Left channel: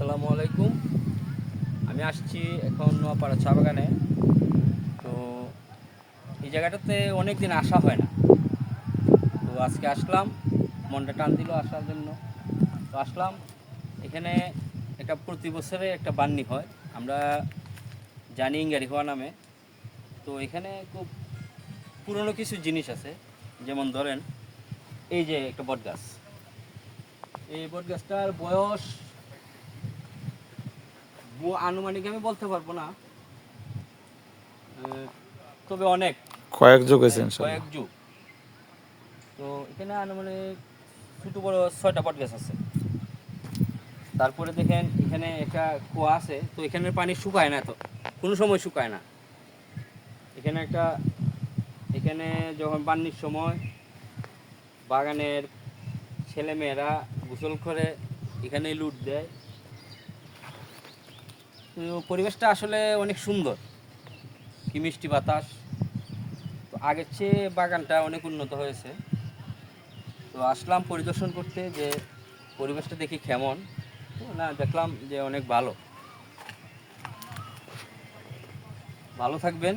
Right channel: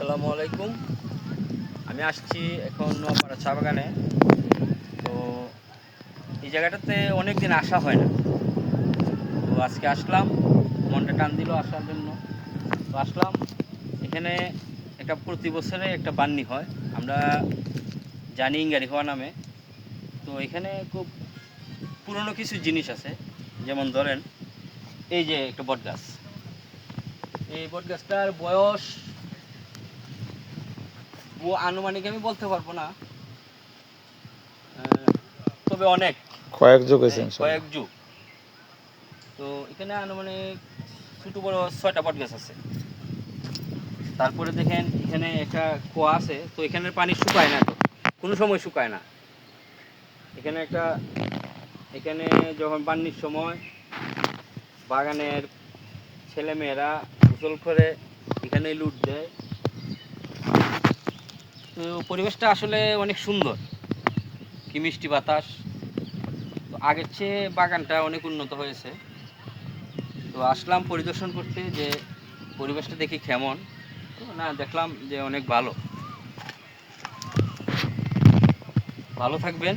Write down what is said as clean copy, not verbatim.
আসসালামু আলাইকুম। আমি আসছি এখন নোয়াপাড়া চা বাগানে। তো এই জায়গাটাতে অনেক দিন আসা হয় না, তো আজকে আসলাম, মনটা টান দিল আসার জন্য। তো আসলাম এখানে। একটা প্রতি বছরে একটা বান্নি হয়, আমরা জানি ইঙ্গারি হওয়া নামে। তো এখানে খুব পুরনো কিছু জিনিস আছে, যেমন ধরেন এই যে একটা বট গাছ। এই বট গাছটার বয়স আনুমানিক আমি বলতে পারবো না, তবে অনেক, কয়েক যুগ হয়েছে কয়েক ইনশাল্লাহ। যুগ। তো এখানে আনুমানিক ছোটো বড় 6টা বট গাছ আছে। তারপরে দেখেন এখানে একটা কুয়া আছে, তো এখানের পানি শুকায় না, তো কোনো সময় শুকায় না। এখানে একটা, এখানে যখন বান্নির সময় বাগানের ছেলেমেয়েরা গোসল করে এখানে লুট দেয়। তো পরিবেশটা আসলে অনেক সুন্দর, কি মিষ্টি বাতাস। তো আগের চেয়ে বাগানটা অনেক উন্নত হয়েছে। তো আসলাম পরিদর্শন করতে, যে পরিবেশটা দেখি কেমন। তো না, দেখলাম যে অনেক ভালো। ভালো থাকবেন।